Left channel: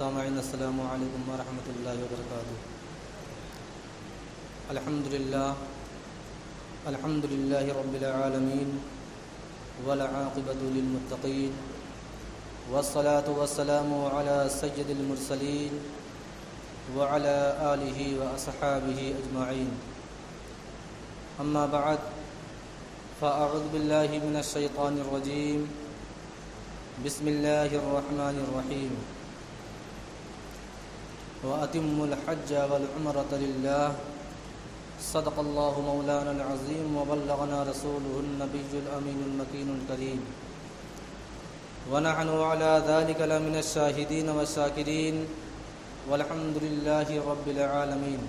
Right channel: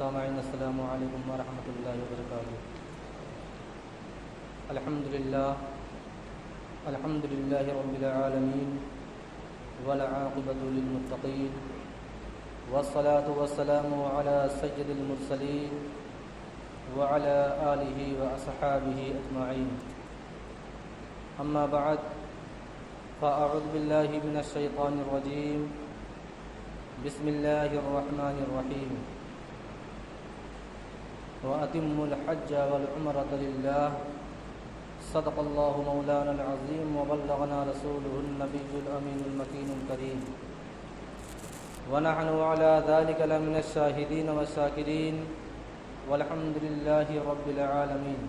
سامعین السلام علیکم ورحمۃ اللہ وبرکاتہ۔ الحمد للہ رب العالمین والعاقبۃ للمتقین والصلاة والسلام علی سید المرسلین وعلی آلہ واصحابہ اجمعین، اما بعد فاعوذ باللہ من الشیطان الرجیم، بسم اللہ الرحمن الرحیم، وَأَتِمُّوا الْحَجَّ وَالْعُمْرَةَ لِلَّهِ صدق اللہ مولانا العظیم وبلغنا رسولہ النبی الامین المکین الکریم، ونحن علی ذلک لمن الشاہدین والشاکرین والحمد للہ رب العالمین۔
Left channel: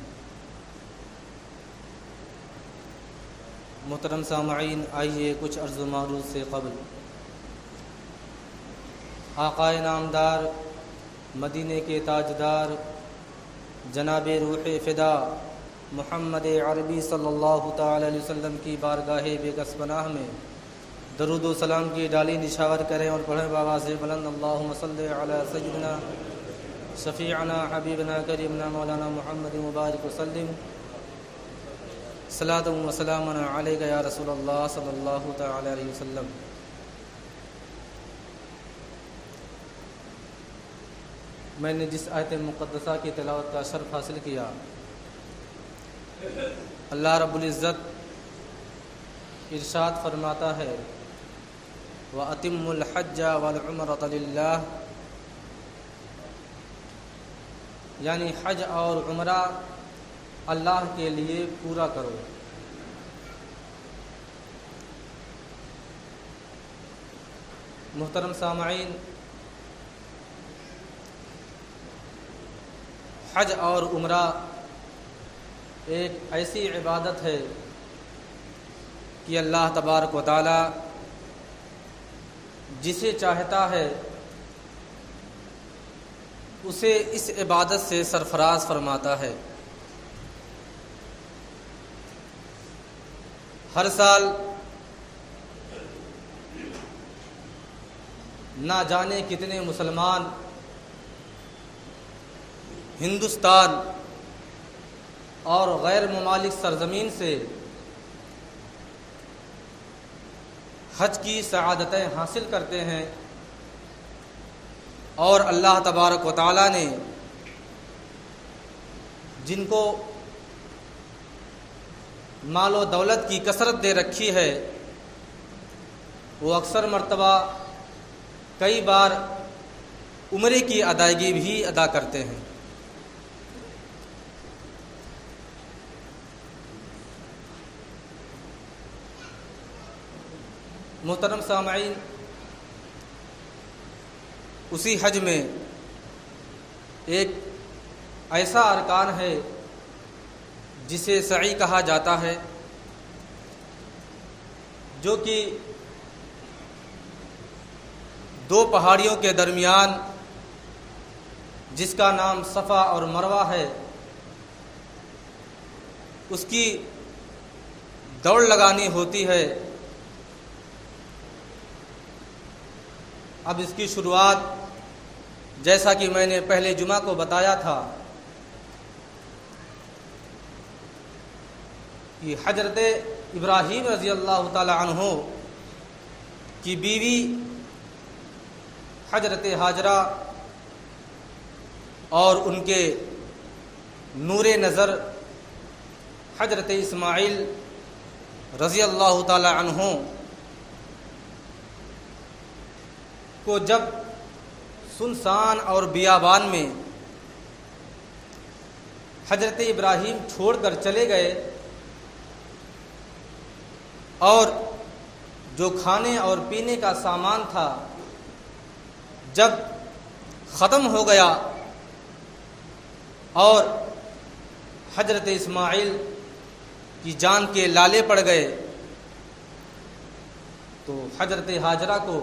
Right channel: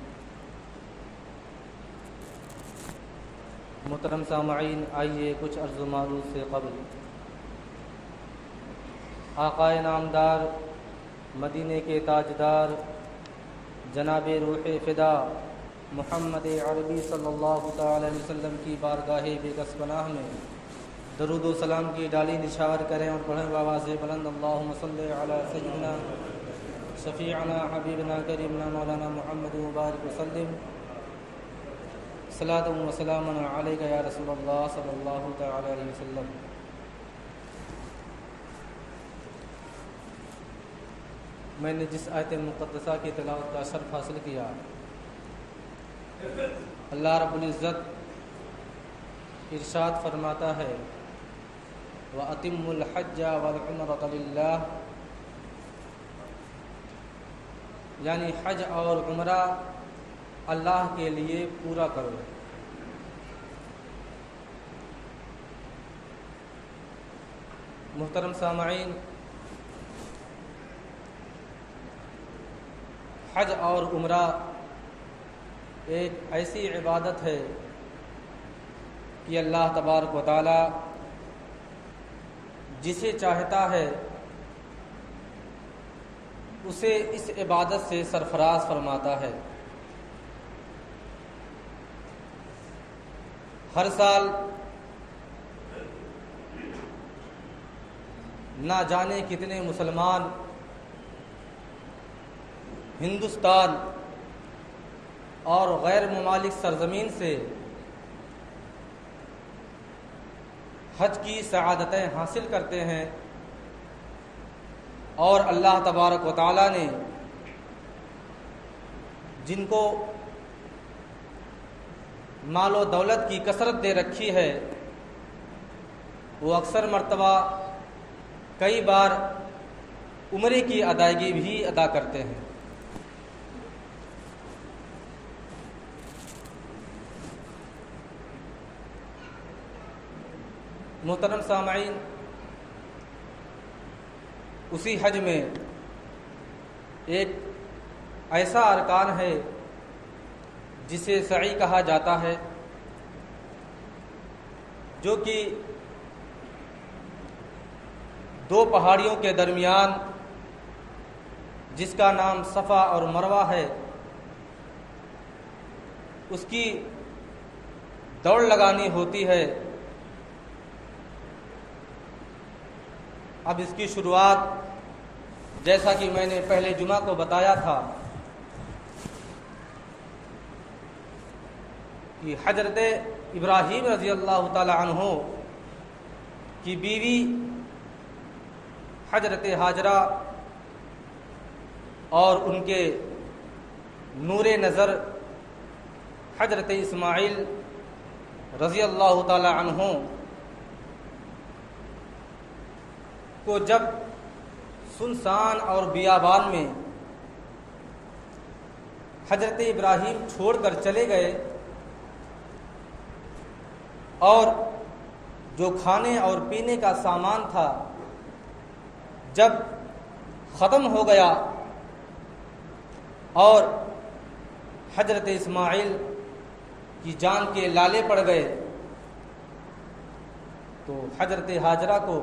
محترم سامعین، آئیے کچھ عرض و معروض سے قبل آقائے نامدار، مدینے کے تاجدار، جناب روح فدا محمد عربی صلی اللہ تعالی علیہ وسلم کی بارگاہ بے کس پناہ میں درود و سلام کی ڈالی نشار کریں اور پڑھیں بآواز بلند، اللہم صلی علی سیدنا شفیعنا حبیبنا کریمنا مولانا محمد مبارک وسلم، صلاۃ و سلام علیک یا رسول اللہ صلی اللہ تعالی علیہ وسلم۔ میں نے جس آیت مقدسہ کی تلاوت کا شرف حاصل کیا، اللہ رب العزت ارشاد فرماتا ہے، وَأَتِمُّوا الْحَجَّ وَالْعُمْرَةَ لِلَّهِ، یعنی حج اور عمرہ اللہ کے لیے پورا کرو۔ محترم سامعین، حج اور عمرہ ایک ایسی عبادت ہے کہ اللہ تبارک و تعالی جسے چاہتا ہے اسے اس عبادت سے سرفراز فرماتا ہے۔ ہر سال نہ جانے کتنے مسلمان ہندوستان اور غیر ممالک سرزمین سے حج کی سعادتیں حاصل کرتے ہیں، اور اللہ تبارک و تعالی نے جن کو مال و دولت کی کثرت دے رکھی ہے وہ اکثر مرتبہ کئی بار عمرے کی ادائیگی بھی ادا کرتے ہیں۔ محترم سامعین، اسی حج میں ایک ایسا ارکان ہے جسے سعی کہا جاتا ہے، جو کہ دو پہاڑیوں کے درمیان، جس کا نام صفا اور مروہ ہے، اس کی دوڑ لگانی ہوتی ہے۔ اب اس کی شروعات، جیسا کہ میں نے پہلے جمعہ کو بتایا تھا، کہ حضرت ابراہیم رضی اللہ تعالی عنہ کی بیوی حضرت ہاجرہ اور ان کے نور نظر حضرت اسماعیل رضی اللہ تعالی عنہ کو جب سنسان اور بیابان میں حضرت ابراہیم چھوڑ کر چلے گئے، اور جو کھانے اور پینے کا سامان تھا جب ختم ہو گیا اور حضرت اسماعیل کی جان کے لالے پڑ گئے، تو حضرت ہاجرہ کو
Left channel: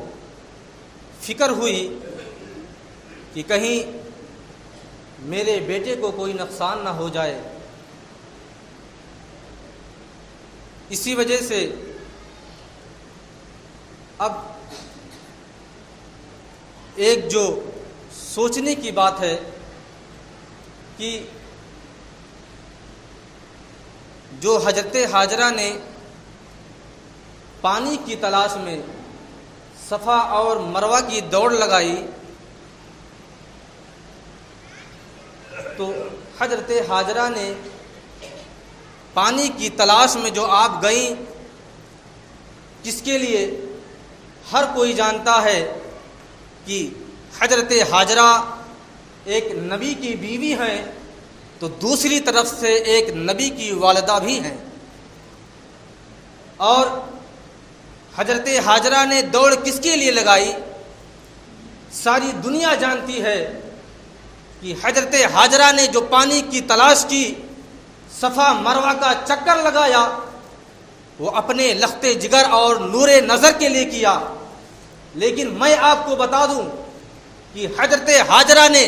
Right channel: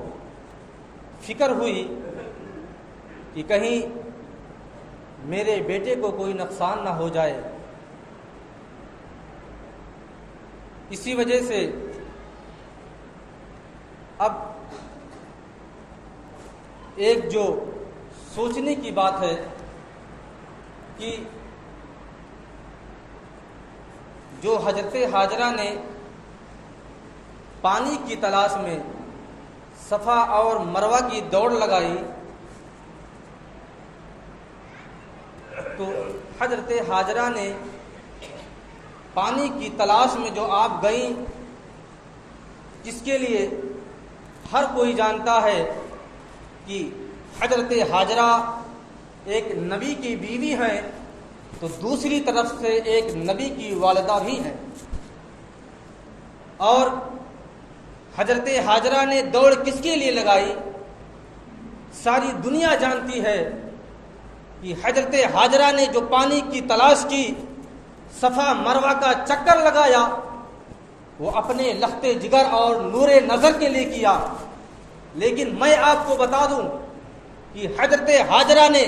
فکر ہوئی کہ کہیں میرے بیٹے کو کوئی نقصان نہ ہو جائے۔ اسی وجہ سے اب ایک جو سوچنے کی بات ہے کہ جو حضرت ہاجرہ نے پانی کی تلاش میں صفا اور مروہ کی دوڑ لگائی، تو حضرت ہاجرہ نے پانی کی تلاش میں جو آپ گئیں، جس کے لیے ہر کوئی جانتا ہے کہ حضرت ہاجرہ ایک نبی کی بیوی ہیں، تو دوسری طرف سے ایک نبی کی والدہ بھی ہیں، اور حضرت ہاجرہ نے دوڑ کس کے لیے لگائی؟ ساری دنیا جانتی ہے کہ حضرت ہاجرہ نے جو پانی کی تلاش کی، صفا مروہ کا چکر لگایا، وہ اپنے لخت جگر اور نور نظر کے لیے کیا۔ لیکن میں آپ کو بتا دوں کہ حضرت ہاجرہ نے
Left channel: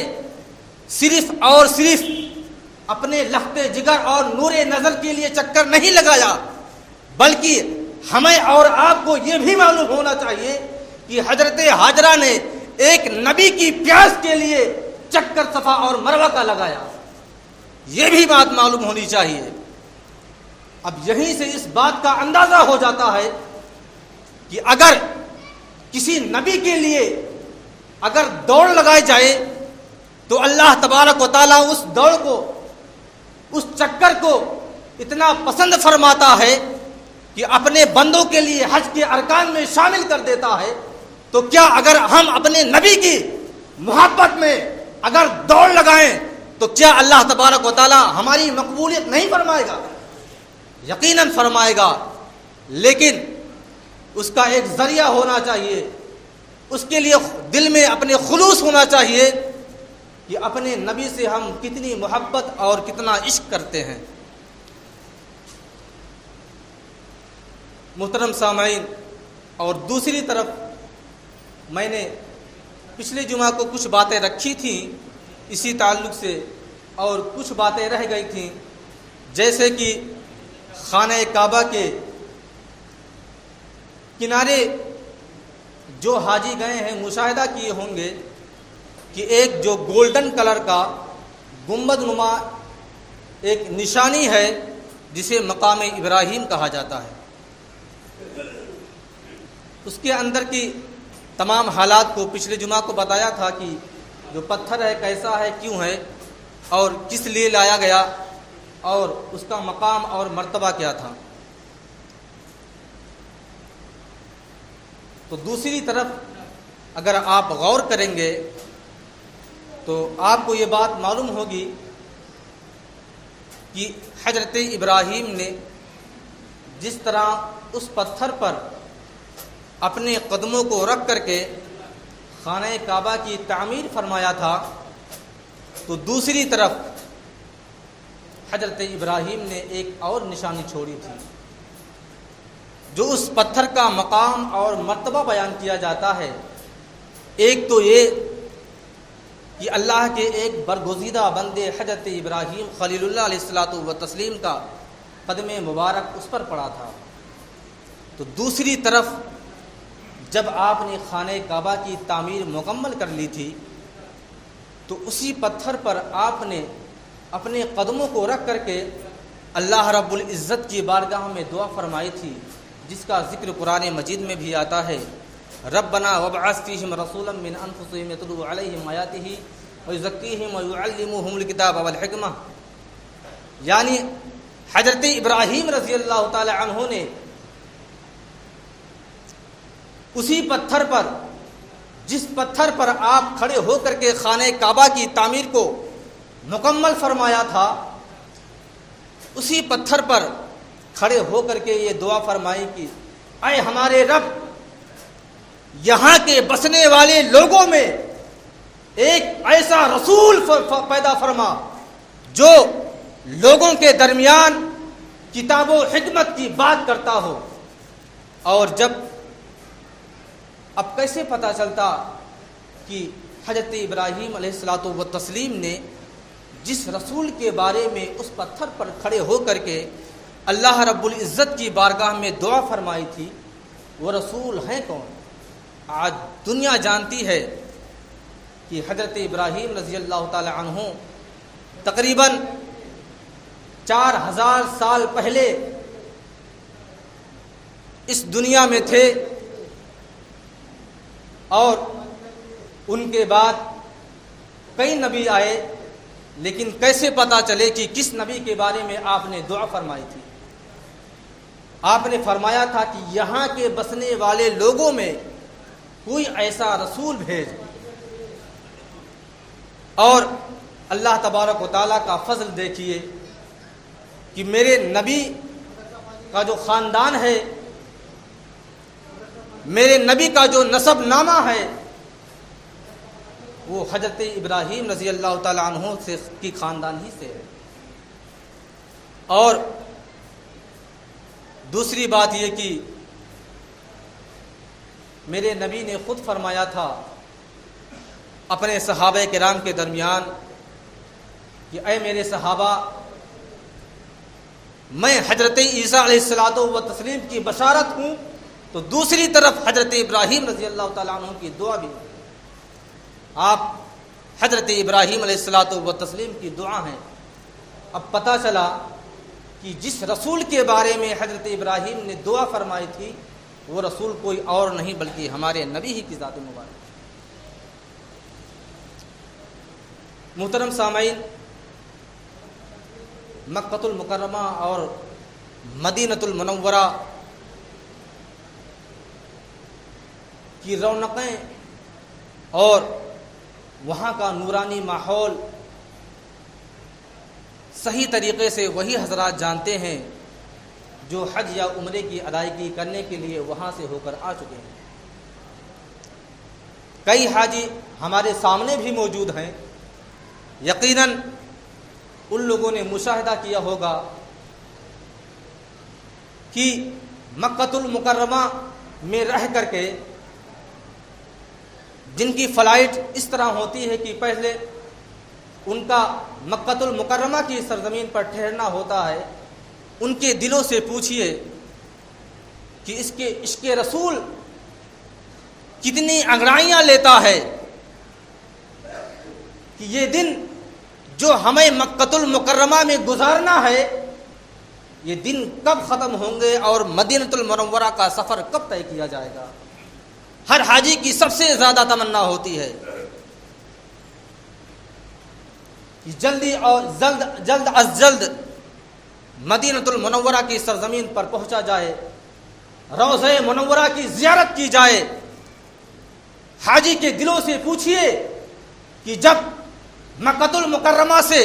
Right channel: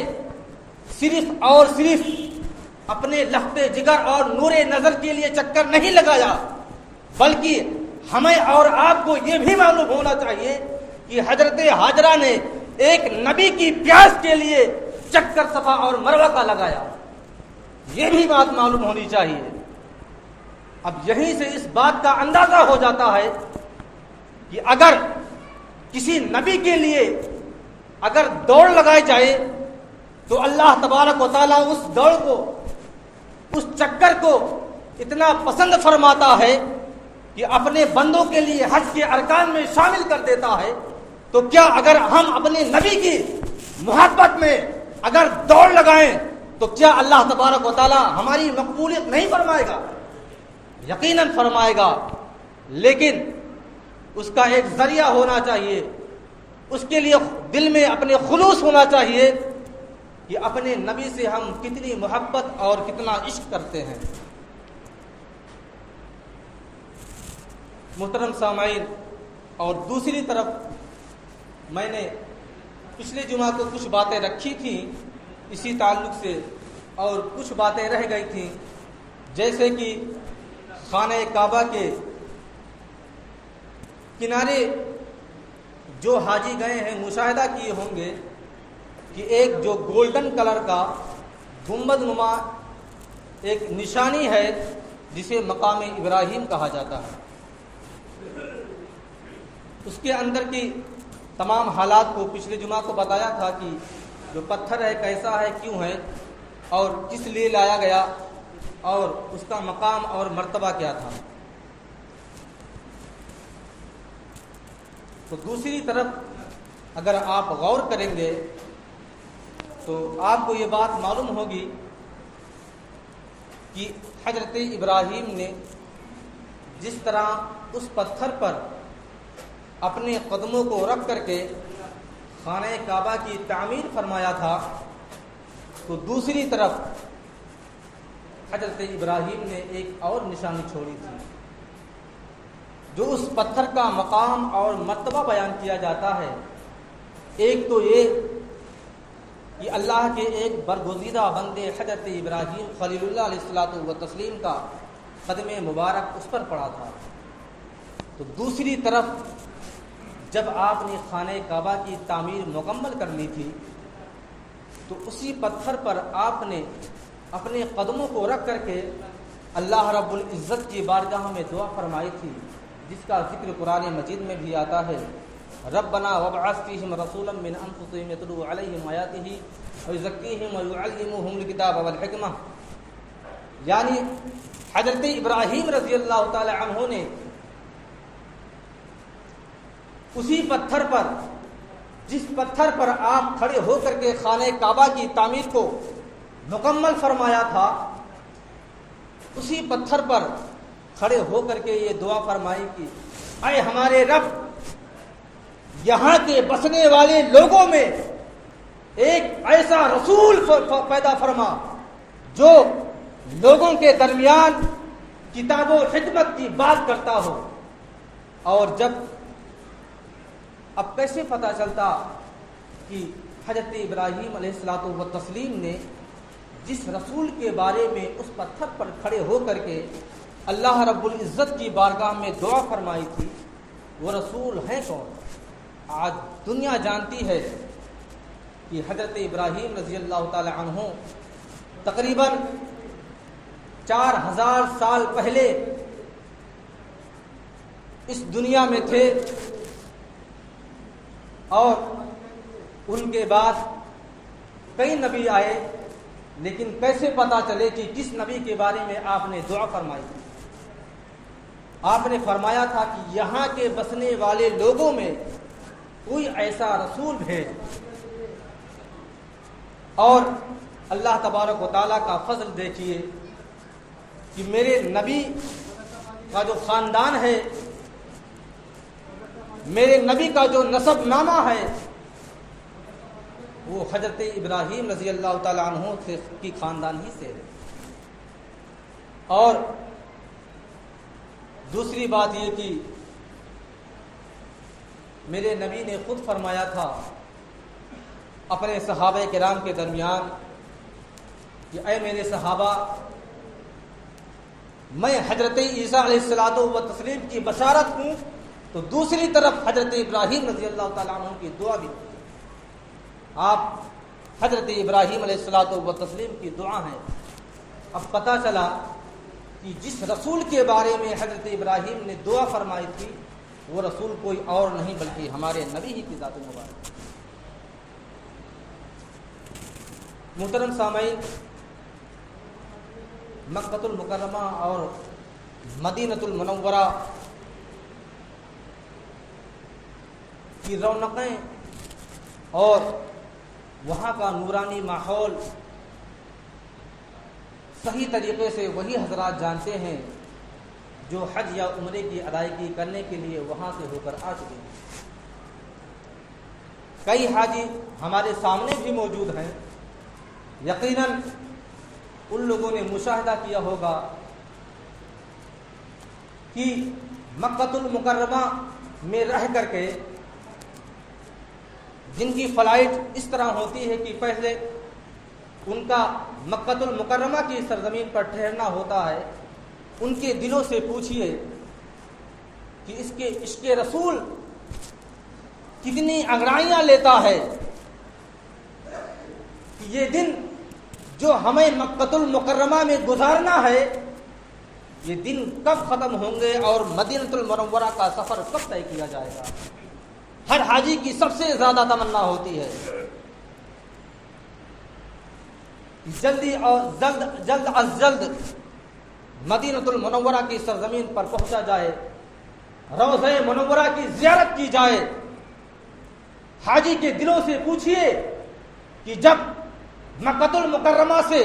صرف اور صرف اپنے لخت جگر اور نور نظر کے لیے چکر نہیں لگایا، بلکہ ہمیں اور آپ کو یہ بھی معلوم ہونا چاہیے کہ حضرت ہاجرہ نے ایک نبی کی پیاس کے لیے چکر صفا اور مروہ کا لگایا، یہ بھی بات معلوم ہونی چاہیے۔ اب یہیں سے اس بات کا اندازہ ہو جاتا ہے کہ اگر کسی نبی کے لیے اگر دوڑ لگائی جائے تو اللہ تبارک و تعالیٰ اس دوڑ کو، اس چکر کو اتنا پسند فرماتا ہے کہ اپنے بندوں کے لیے حج کے ارکان میں شامل کر دیتا ہے۔ تو کیا اگر ہم اپنے نبی کی محبت میں اگر دوڑ لگائیں تو کیا اللہ تبارک و تعالیٰ ہماری مقبولیت نہیں فرمائے گا؟ یقیناً فرمائے گا، لیکن اس کا ایک ذریعہ ہونا چاہیے، اس کے لیے دل میں اپنے خلوص ہونا چاہیے کہ اپنے نبی سے ہم کتنی محبت اور کتنا عشق کرتے ہیں۔ محترم سامعین، اور دوسری طرف میں نے پچھلے جمعہ کو کچھ باتیں رکھی تھیں اسی تعلق سے، اور کچھ باتیں رہ گئی تھیں، جیسے کہ خانہ کعبہ کے کنارے جو حاجی گئے ہیں مشاہدہ کیے ہوں گے کہ ایک جو گولڈن کلر کا گنبد نما ایک نشانی ہے جسے مقام ابراہیم کہا جاتا ہے، اس کے اندر کی تمام حالات کو پچھلے جمعہ کو بتایا تھا کہ جو پتھر ہے کیسا ہے، کیوں ہے، اور کس لیے لایا گیا، اور اس کا مقام اور مرتبہ کیا تھا۔ تو دوسری طرف اگر آپ غور کریں گے تو آپ کو یہ بات معلوم ہوگی کہ حضرت ابراہیم نے جس طرح اس پتھر پر اپنے قدموں کو رکھ کر کے خانہ کعبہ کی تعمیر فرمایا تھا، تو دوسری طرف حضرت ابراہیم نے ایک اور نشانی چھوڑی تھی، جو اس پتھر کا مقام اور مرتبہ بیان کیا جاتا ہے۔ ایک تو یہ کہ اللہ کے ایک برگزیدہ بندے حضرت ابراہیم خلیل اللہ علیہ الصلوۃ والتسلیم کا قدم مبارک اس پر پڑا تھا، تو دوسری طرف جب آپ نے خانہ کعبہ کی تعمیر مکمل کر لی تھی تو اسی پتھر پر آپ نے اپنے قدموں کو رکھ کر کے اللہ رب العزت کی بارگاہ میں دعا فرمائی تھی، جس کا ذکر قرآن مجید میں بھی آتا ہے، ربنا وابعث فیہم رسولا من انفسہم یتلو علیہم آیاتہ ویزکیہم ویعلمہم الکتاب والحکمہ۔ یعنی حضرت ابراہیم رضی اللہ تعالی عنہ نے اسی پتھر پر، جس پتھر پر آپ کھڑے ہو کر کے خانہ کعبہ کی تعمیر کو مکمل فرمایا تھا، اسی پتھر پر کھڑے ہو کر کے یہ دعا فرمائی کہ اے ہمارے رب، یہاں کے بسنے والے لوگوں میں ایک ایسا رسول پیدا فرما جو لوگوں کے درمیان کتاب و حکمت کی بات کرتا ہو۔ اور جب اب کیسے پتہ چلتا کہ حضرت ابراہیم علیہ الصلوۃ والتسلیم نے جس رسول کے بارے میں اس پتھر پر کھڑے ہو کر کے اللہ رب العزت کی بارگاہ میں دعا فرمائی تھی، وہ رسول ہیں کون؟ آج دنیا جانتی ہے کہ حضرت ابراہیم رضی اللہ تعالی عنہ تقریباً 4000 سال پہلے اس دنیا میں تھے، اور ان کے بعد کئی نبی آئے، لیکن کیسے پتہ چلے کہ کس نبی کے بارے میں آپ نے دعا فرمائی تھی؟ آپ نے فرمایا تھا کہ یہاں کے بسنے والے لوگوں میں کوئی ایسا رسول بھیج، اور اللہ تبارک و تعالیٰ کا فضل دیکھیے کہ میرے نبی کا جو خاندان ہے، میرے نبی کا جو نسب نامہ ہے، وہ حضرت ابراہیم رضی اللہ تعالیٰ عنہ سے کی خاندان ہی سے ہے۔ اور دوسری بات یہ کہ میرے نبی نے خود فرمایا تھا اپنے صحابہ کرام کے درمیان کہ اے میرے صحابہ، میں حضرت عیسیٰ علیہ الصلوۃ والتسلیم کی بشارت ہوں، تو دوسری طرف حضرت ابراہیم رضی اللہ تعالیٰ عنہ کی دعا بھی، آپ حضرت ابراہیم علیہ الصلوۃ والتسلیم کی دعا ہیں۔ اب پتہ چلا کہ جس رسول کے بارے میں حضرت ابراہیم نے دعا فرمائی تھی، وہ رسول کوئی اور نہیں بلکہ ہمارے نبی ہی کی ذات مبارک۔ محترم سامعین، مکہ المکرمہ اور مدینہ المنورہ کی رونقیں اور وہاں کا نورانی ماحول صحیح طریقے سے وہی حضرات جانتے ہیں جو حج یا عمرے کی ادائیگی کرنے کے لیے وہاں سے ہو کر آ چکے ہیں۔ کئی حاجی ہمارے سامنے بھی موجود ہیں، یقیناً ان لوگوں نے مشاہدہ کیا ہوگا کہ مکہ المکرمہ میں رہ کر کے جن کی فلائٹ اس طرح ہوتی ہے کہ پہلے ان کا مکہ المکرمہ کی سرزمین پر ٹھہرنا ہوتا ہے، ان کے دلوں سے پوچھئے کہ اس کے عشق رسول کتنی انگڑائیاں لیتا ہے کہ یہ دن جو ہمیں مکہ المکرمہ میں گزارنا ہے، یہ دن کب ختم ہوں گے اور مدینہ المنورہ کا سفر کب طے کیا جائے گا۔ ہر حاجی کی سب سے زیادہ تمنا ہوتی ہے کہ جلدی اور جلد از جلد مدینہ المنورہ کی سرزمین پر پہنچا جائے، روضہ منورہ کی زیارت کی جائے۔ حاجی کے دلوں سے پوچھئے کہ جب مکہ المکرمہ سے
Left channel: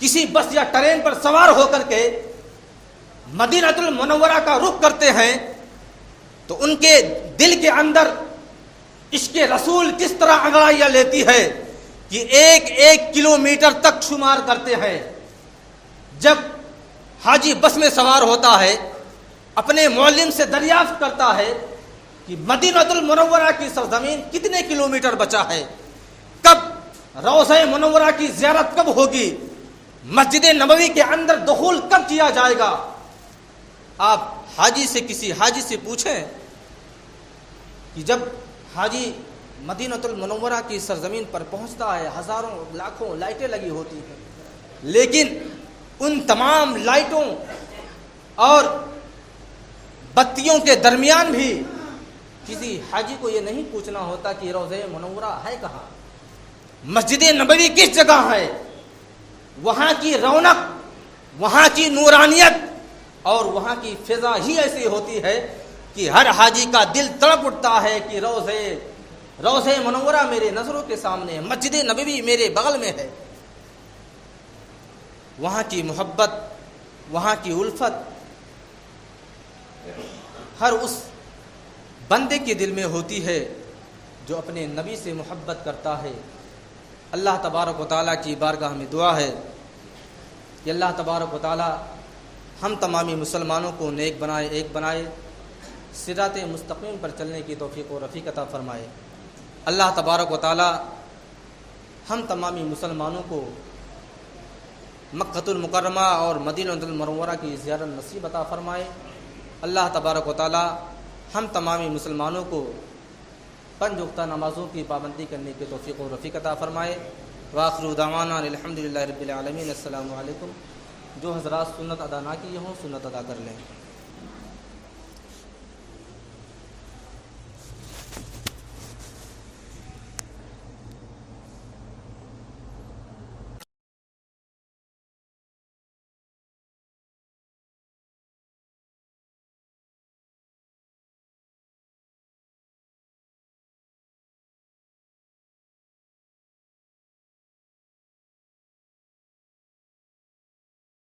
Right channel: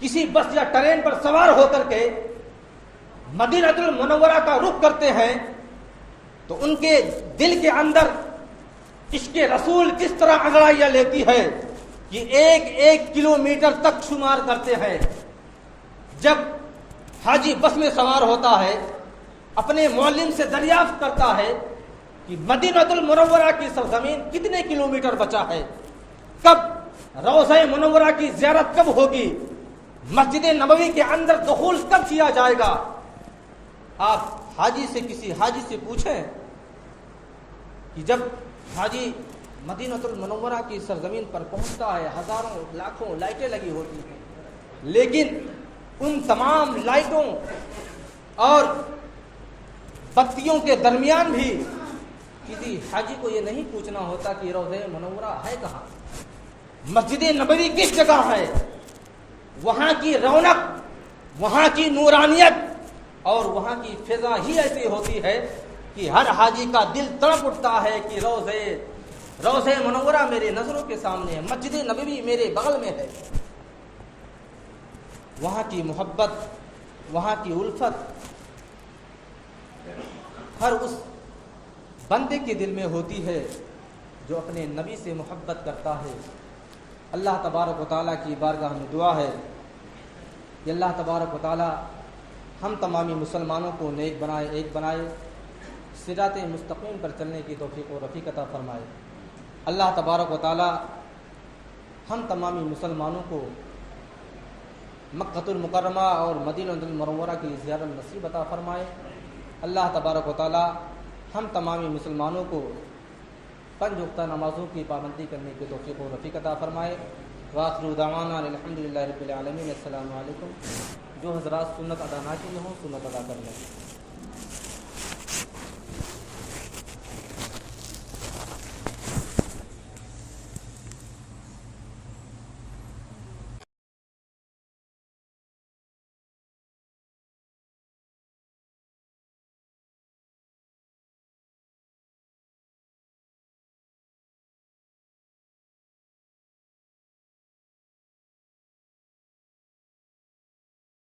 کسی بس یا ٹرین پر سوار ہو کر کے مدینہ المنورہ کا رخ کرتے ہیں تو ان کے دل کے اندر عشق رسول کس طرح انگڑائیاں لیتی ہے کہ 1 کلومیٹر تک شمار کرتے ہیں۔ جب حاجی بس میں سوار ہوتا ہے، اپنے معلم سے دریافت کرتا ہے کہ مدینہ المنورہ کی سرزمین کتنے کلومیٹر بچا ہے، کب روضہ منورہ کی زیارت کب ہوگی، مسجد نبوی کے اندر دخول کب کیا جائے گا۔ آپ کسی حاجی سے پوچھیں کہ جب حاجی مدینہ المنورہ کی سرزمین پر پہنچتا ہے، ہزاروں لاکھوں لائٹیں لگی ہوتی ہیں، لیکن ان تمام لائٹوں اور بتیوں کے درمیان بھی کسی حاجی کو یہ نہیں پوچھنا ہوتا کہ روضہ منورہ ہے کہاں، مسجد نبوی کس جگہ ہے۔ وہاں کی رونق، وہاں کی نورانیت اور وہاں کی فضا ہی ایسی ہوتی ہے کہ ہر حاجی کا دل تڑپ اٹھتا ہے کہ روضہ منورہ میرے نظروں کے سامنے ہے، مسجد نبوی میرے بغل میں ہے۔ وہاں کی محبت، وہاں کی الفت ہر اس بندے کے دل میں ہوتی ہے جو اپنے نبی سے محبت کرتا ہے۔ اللہ تبارک و تعالیٰ کی بارگاہ میں دعا ہے کہ اللہ تبارک و تعالیٰ ہم تمامی مسلمانوں کو نیک بنائے، ایک بنائے، صراط مستقیم پر چلنے کی توفیق و رفیق عطا فرمائے۔ اللہ تبارک و تعالیٰ ہم تمامی مسلمانوں کو مکہ المکرمہ اور مدینہ المنورہ کی زیارت نصیب عطا فرمائے۔ اللہ تبارک و تعالیٰ ہم تمامی مسلمانوں کو 5 وقتہ نمازوں کی پابندی کرنے کی توفیق و رفیق عطا فرمائے۔ وآخر دعوانا الحمدللہ رب العالمین۔ السلام علیکم۔ جو حضرات سنت ادا نہ کیے ہوں سنت ادا کر لیں۔